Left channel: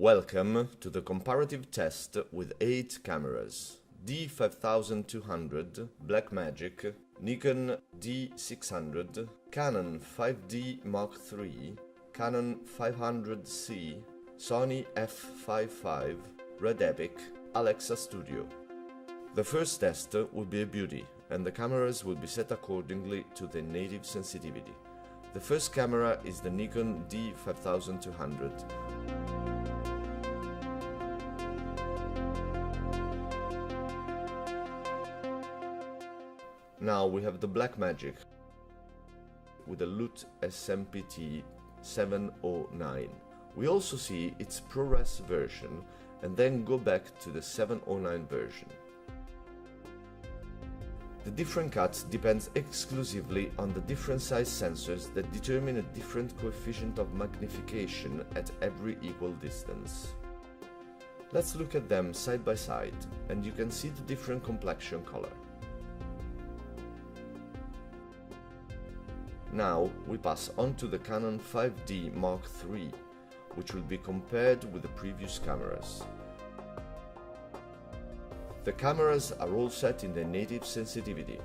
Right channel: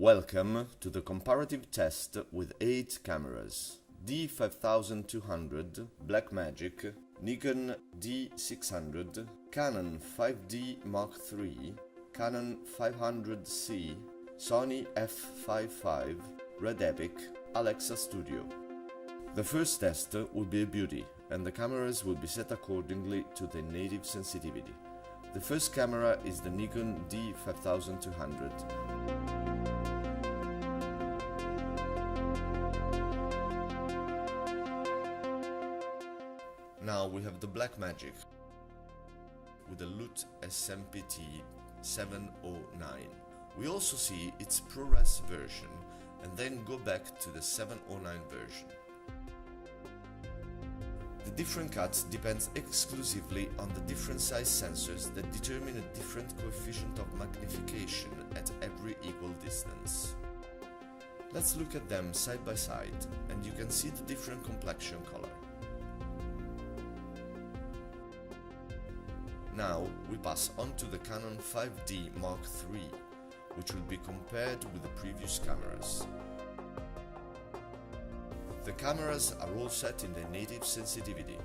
Welcome to the comparative test with 8 cameras: D5200, Blackmagic, Nikon D600, Canon 5D Mark III, Canon 500C, Sony f5.5, Red Epic, Alexa Studio. The first test will be a beauty, and the cameras will be set accordingly to their native sensitivity. The first camera is the Nikon D5200. Now we have the Blackmagic with a LUT SMPT 709. We also see its ProRes version and then go back to the 709 version. The different cuts depends exclusively on the different size sensors that determine a different coefficient of magnification at every equal distance. Let's look at them side by side and you can see the different complexion color. Now we pass on to the Canon 5D Mark III, which will be compared with the previous cameras. The cameras are all set in their native sensitivity.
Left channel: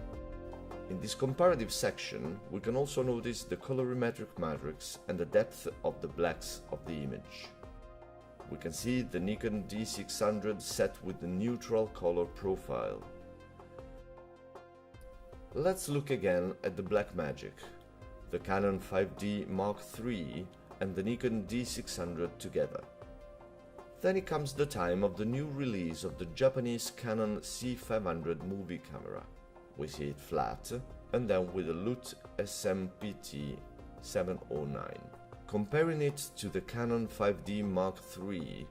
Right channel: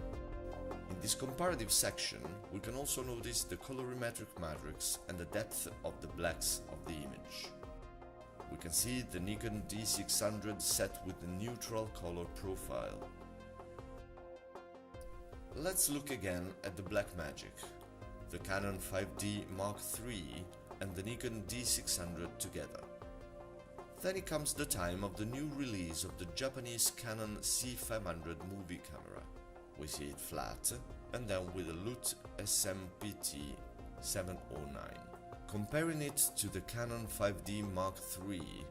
In this comparative section, we can also notice the colorimetric matrix and the depth of the blacks of the image. We can see the Nikon D600 set with the neutral color profile. Let's look again at the Blackmagic, the Canon 5D Mark III and the Nikon D600 together. Then it comes the time of the new release of the Japanese Canon C500 movie camera. We see it flat and then with a LUT SMPT 709. Comparing it to the Canon 5D Mark III,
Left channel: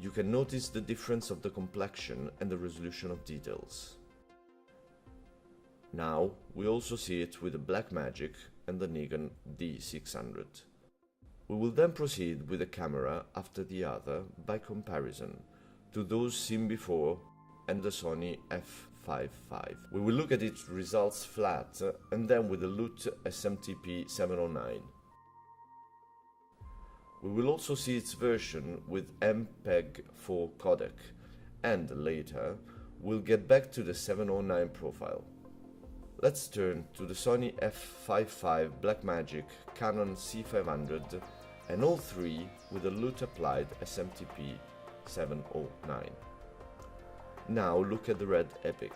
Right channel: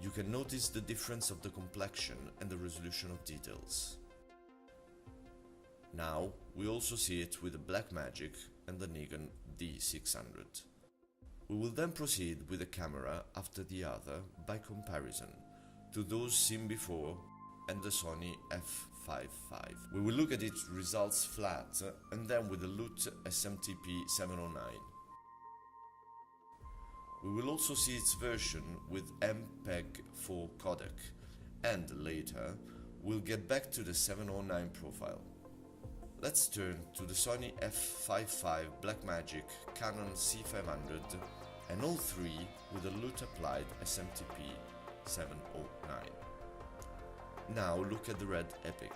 you can notice the difference of the complexion and the resolution of details. Now we also see it with the Blackmagic and the Nikon D600. We will then proceed with a camera after the other by comparison to those seen before and the Sony f5.5. We will look at its results flat and then with the LUT SMTP 709. We will also see its version with MPEG-4 codec, and later we'll get back to the 709 profile. Let's turn to the Sony f5.5, Blackmagic, Canon C500 and all three with the LUT applied SMTP 709. Now look at the Red Epic.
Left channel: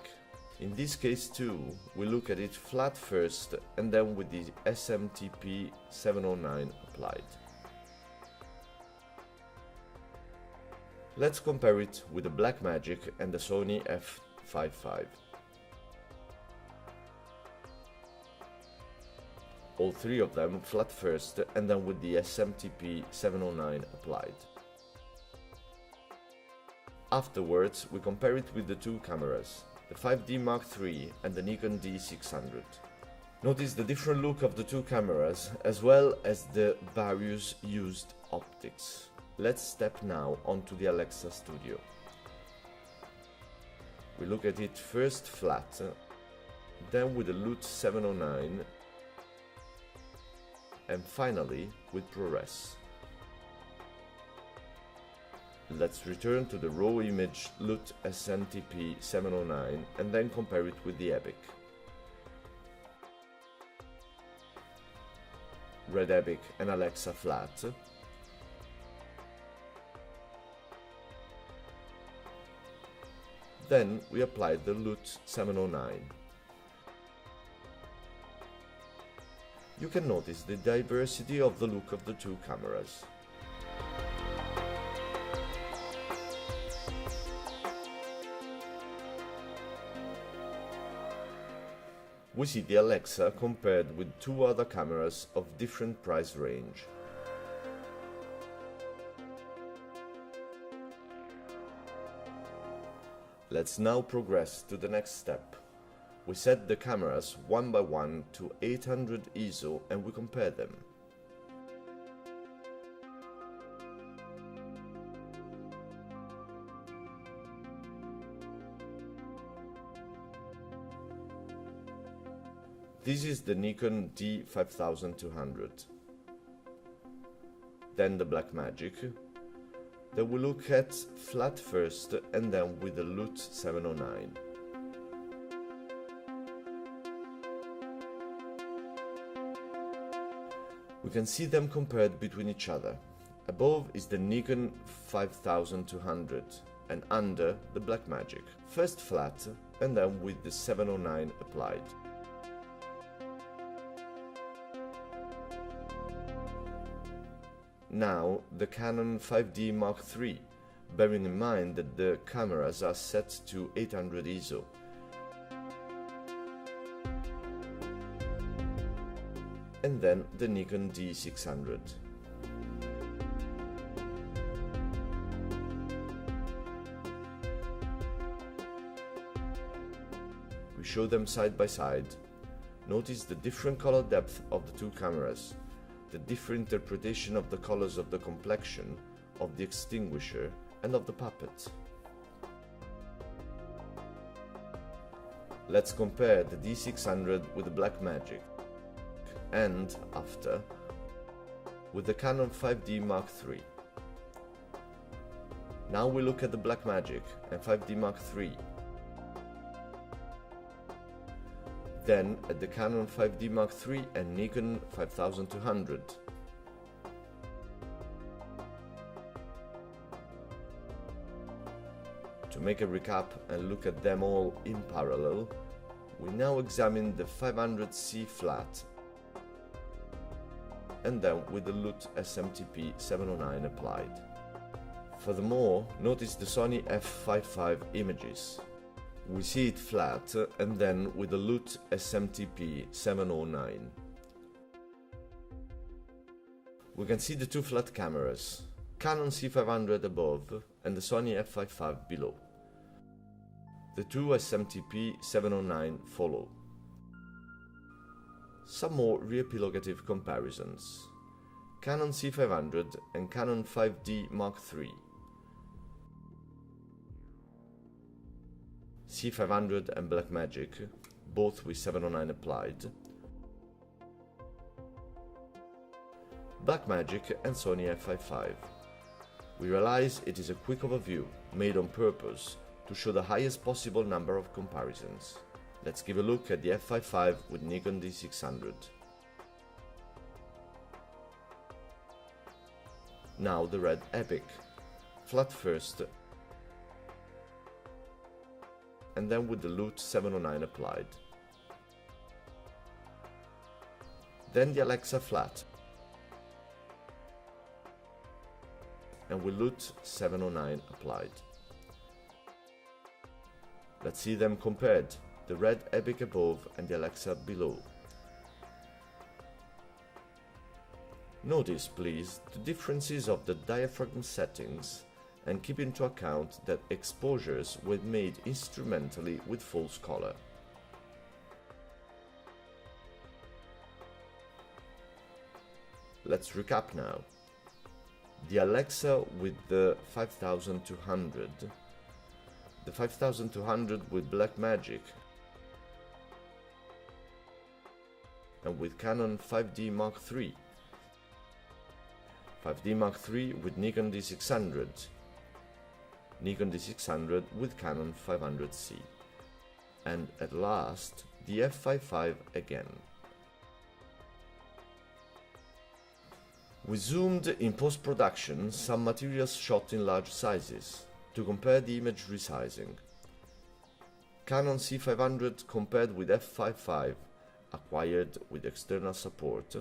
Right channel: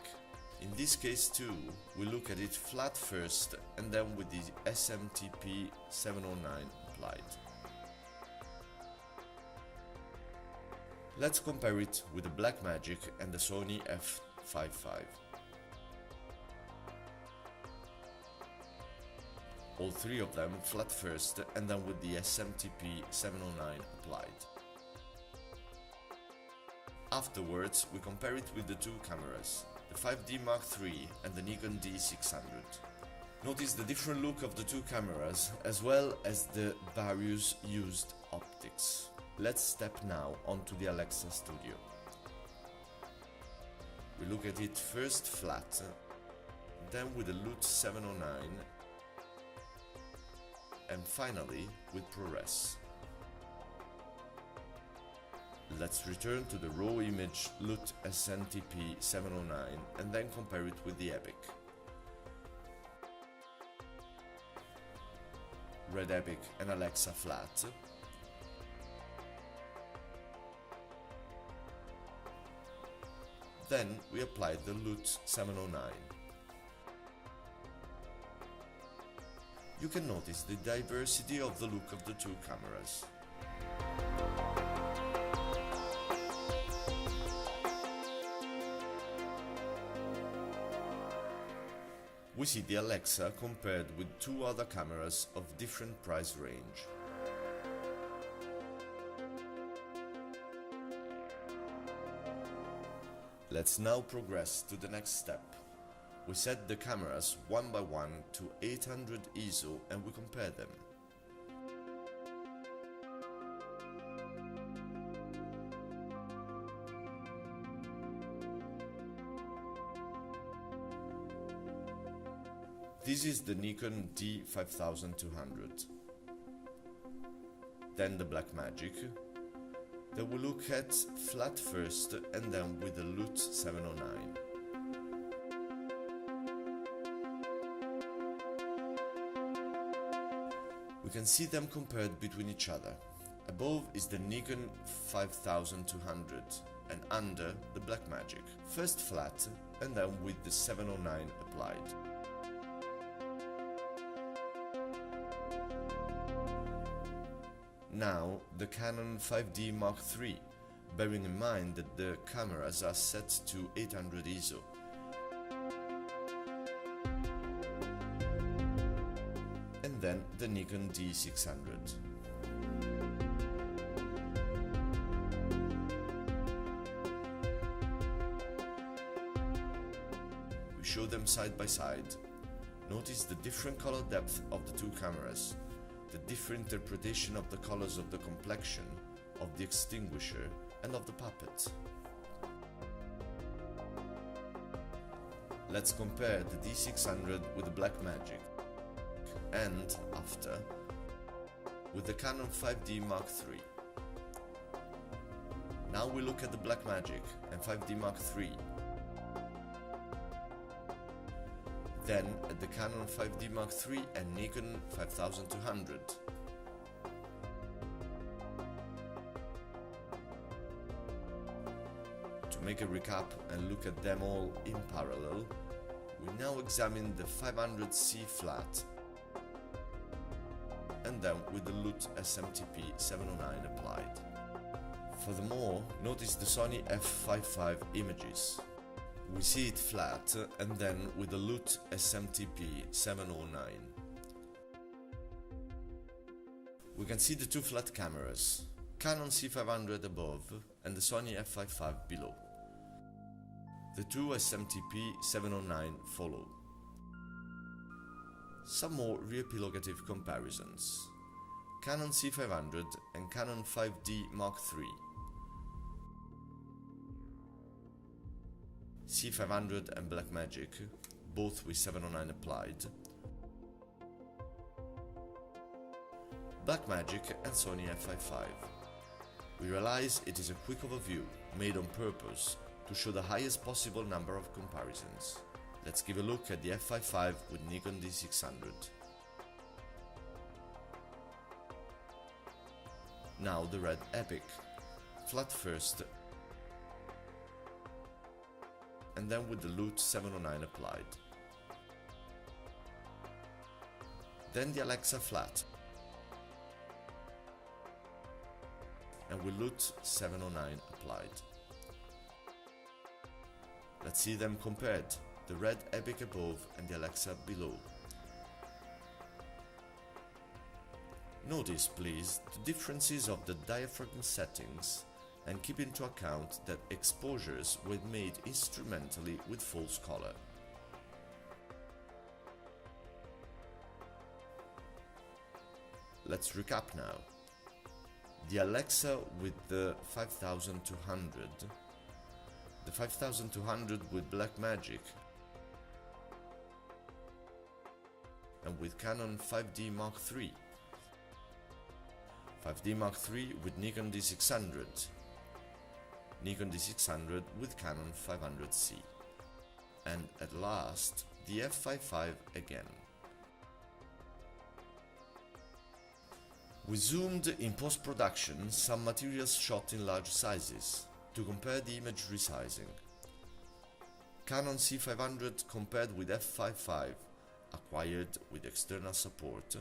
In this case too, we look at it flat first and then with the SMTP 709 applied. Let's compare it with the Blackmagic and the Sony f5.5. All three of them flat first and then with the SMTP 709 applied. Afterwards, we compare it with the two cameras, the 5D Mark III and the Nikon D600. Notice the different look of the two cameras as well as the various used optics. Let's step now onto the Alexa Studio. We look at it first flat, then with the LUT 709 and finally with ProRes. Let's return to the raw image LUT SMTP 709 and then compare it with the Epic. Red Epic and Alexa flat. Then we applied the LUT 709. You can notice the diversity of the look of the two cameras. We see the Alexa compared with two other cameras of different price range. Let's now progress to the next step. We set the cameras one by one to 800 ISO and we compare them. This is the Nikon D5200. Then the Blackmagic, Then we look at flat first and then with the LUT 709. We can see them compared between each other. Above is the Nikon 5200 and under the Blackmagic. First flat and then with the 709 applied. Now the Canon 5D Mark III, bearing in mind that the cameras are set to 800 ISO. And then the Nikon D600. We show them side by side. Notice the different color depth of the two cameras, the different interpretation of the colors of the complexion, of the extinguisher and of the puppet. Let's compare the D600 with the Blackmagic and, after, with the Canon 5D Mark III. Now we look at the Blackmagic and 5D Mark III. Then at the Canon 5D Mark III and Nikon 5200. To make a recap and look at them all in parallel, we now examine the 500C flat and then with the LUT SMTP 709 applied. Furthermore, notice the Sony f/5.5 images. We see it flat and then with the LUT SMTP 709. We can see the two flat cameras, Canon C500 above and the Sony f/5.5 below. The two SMTP 709 follow. Some more re-epilogative comparisons. Canon C500 and Canon 5D Mark III. C500 and Blackmagic, both with 709 applied. Blackmagic and Sony f/5.5. We realize it is a quick overview, made on purpose, to show the highest possible number of comparisons. Let's give a look at the f/5.5 with Nikon D600. Now the red Epic, flat first and then with the LUT 709 applied. Then the Alexa flat and with LUT 709 applied. Let's see them compared, the red Epic above and the Alexa below. Notice, please, the differences of the diaphragm settings and keep into account that exposures were made instrumentally with false color. Let's recap now. The Alexa with the 5200, the 5200 with Blackmagic, and with Canon 5D Mark III, 5D Mark III with Nikon D600, Nikon D600 with Canon 500C, and at last the f/5.5 again. We zoomed in post-production some materials shot in large sizes to compare the image resizing. Canon C500 compared with f/5.5 acquired with external support,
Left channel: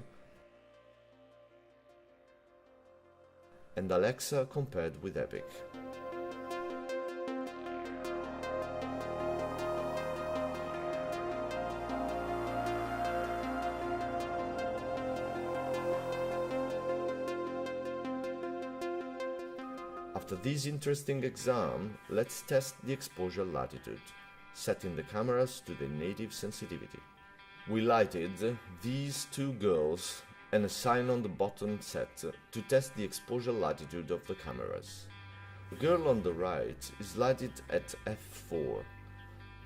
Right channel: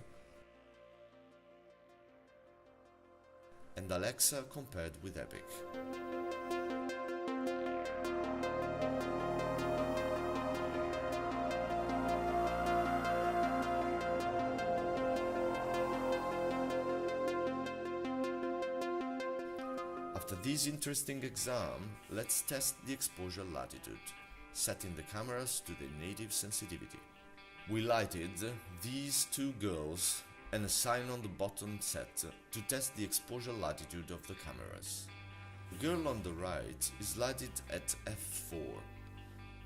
and Alexa compared with Epic. After this interesting exam, let's test the exposure latitude, setting the cameras to their native sensitivity. We lighted these two girls and a sign on the bottom set to test the exposure latitude of the cameras. The girl on the right is lighted at f4,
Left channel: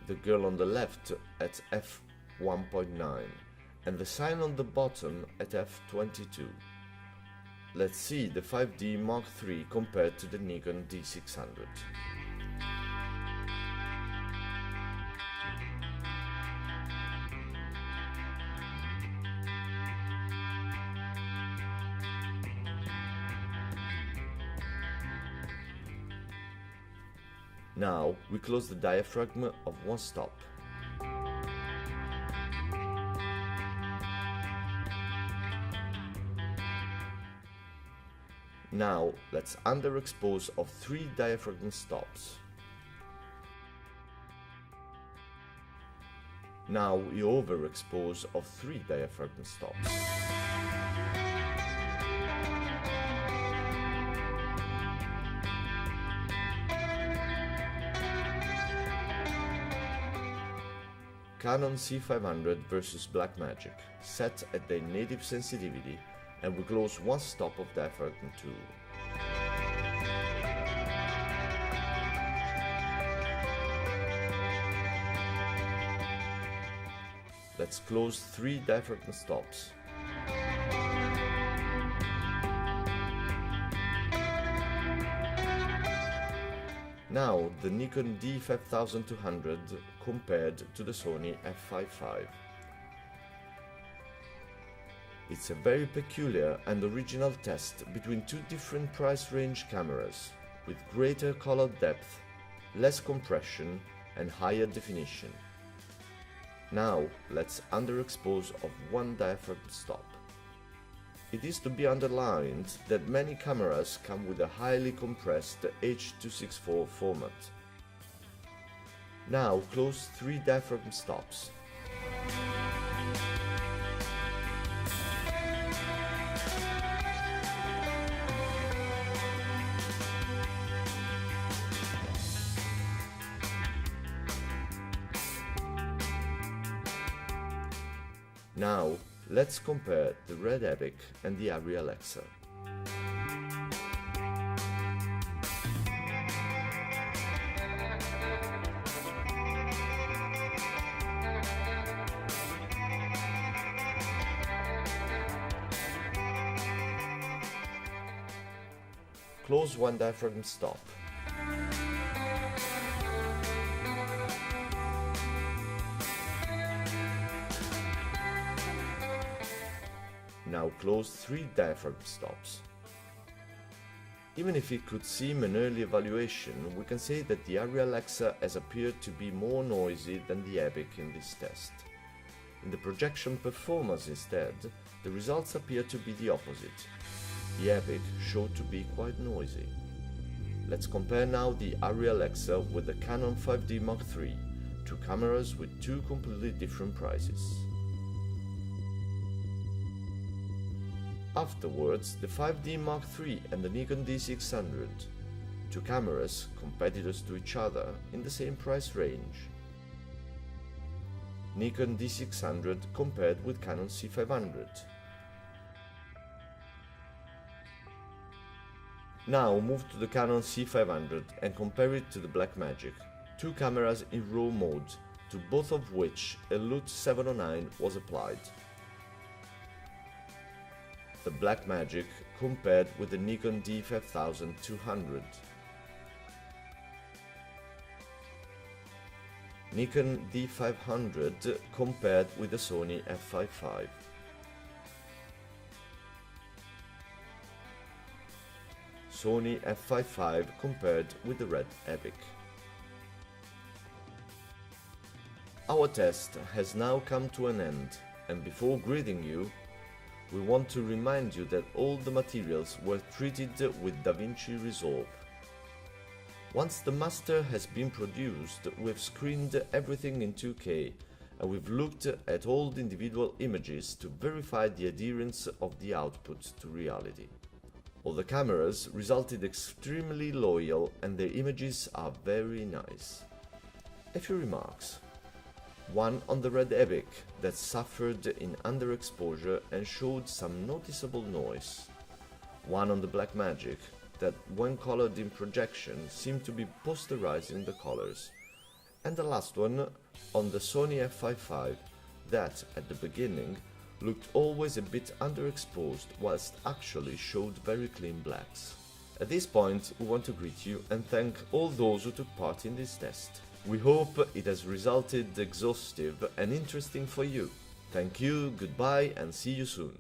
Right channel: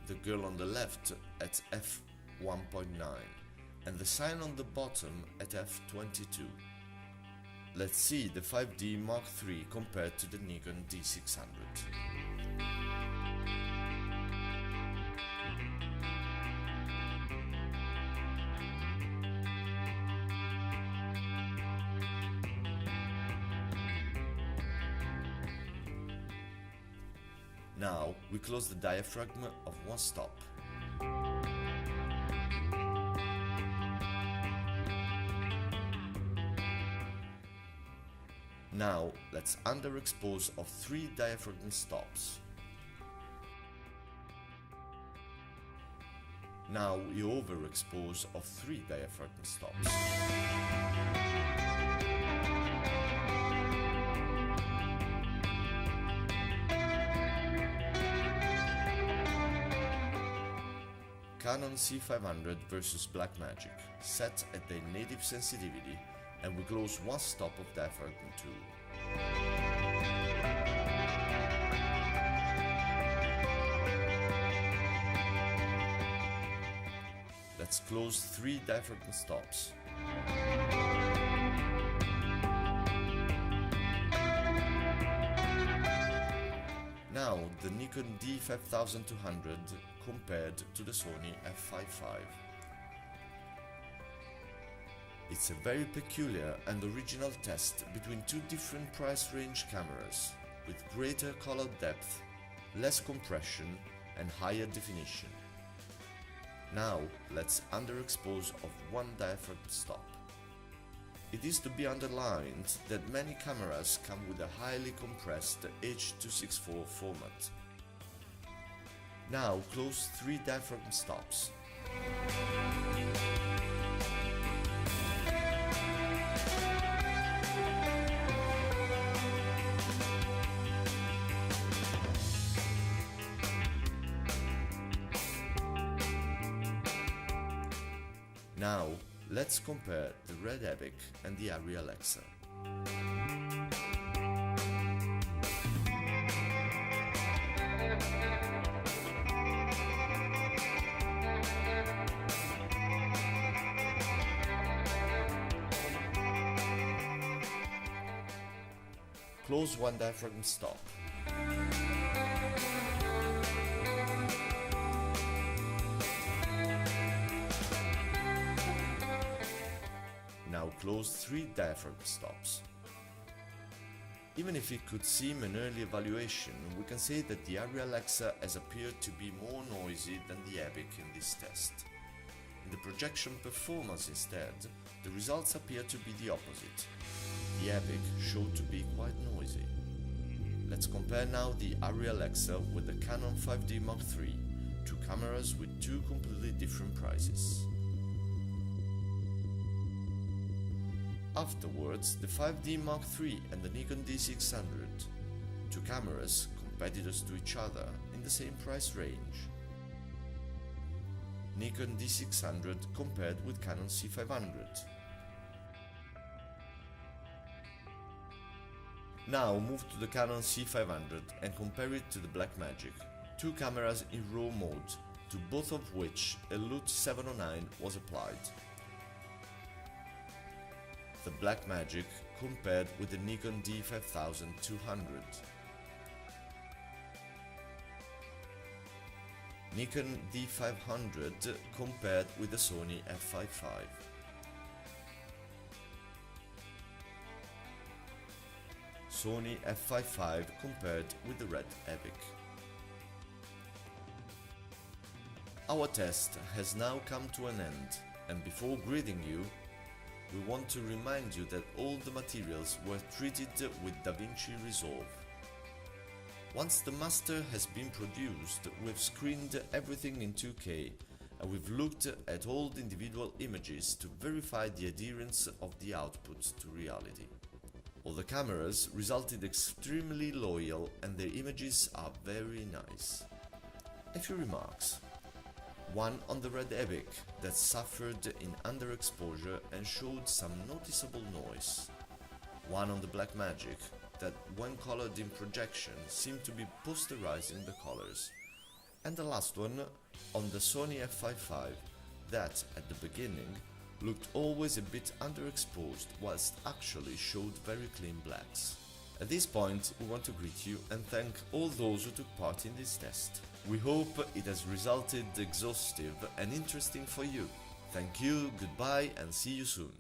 the girl on the left at f1.9, and the sign on the bottom at f22. let's see the 5D Mark III compared to the Nikon D600. Now we close the diaphragm of one stop. Now let's underexpose of 3 diaphragm stops. Now we overexpose of 3 diaphragm stops. Canon C500 versus Blackmagic, set at their native sensitivity, and we close one stop of diaphragm 2. Let's close 3 diaphragm stops. Now the Nikon D5200 compared to the Sony f5.5. It's a very peculiar and original test between 2 different price range cameras, with greater color depth, less compression and higher definition. Now let's underexpose of 1 diaphragm stop. It is to be underlined that many cameras come with a highly compressed H.264 format. Now close 3 diaphragm stops. Now, let's compare the Red Epic and the Arri Alexa. Close 1 diaphragm stop. Now close 3 diaphragm stops. Even if it could seem an early evaluation, we can say that the Arri Alexa has appeared to be more noisy than the Epic in this test. In the projection performance instead, the results appear to be the opposite. The Epic showed to be quite noisy. Let's compare now the Arri Alexa with the Canon 5D Mark III, 2 cameras with 2 completely different prices. Afterwards, the 5D Mark III and the Nikon D600, 2 cameras competitors to each other in the same price range. Nikon D600 compared with Canon C500. Now move to the Canon C500 and compare it to the Blackmagic, 2 cameras in RAW mode, to both of which a LUT 709 was applied. The Blackmagic compared with the Nikon D5200. Nikon D500 compared with the Sony f5.5. Sony f5.5 compared with the Red Epic. Our test has now come to an end, and before greeting you, we want to remind you that all the materials were treated with DaVinci Resolve. Once the master has been produced, we've screened everything in 2K, and we've looked at all the individual images to verify the adherence of the output to reality. All the cameras resulted extremely loyal and their images are very nice. A few remarks. One on the Red Epic that suffered in underexposure and showed some noticeable noise. One on the Blackmagic that, when colored in projection, seemed to be posterizing the colors. And the last one on the Sony f5.5 that, at the beginning, looked always a bit underexposed whilst actually showed very clean blacks. At this point, we want to greet you and thank all those who took part in this test. We hope it has resulted exhaustive and interesting for you. Thank you, goodbye, and see you soon.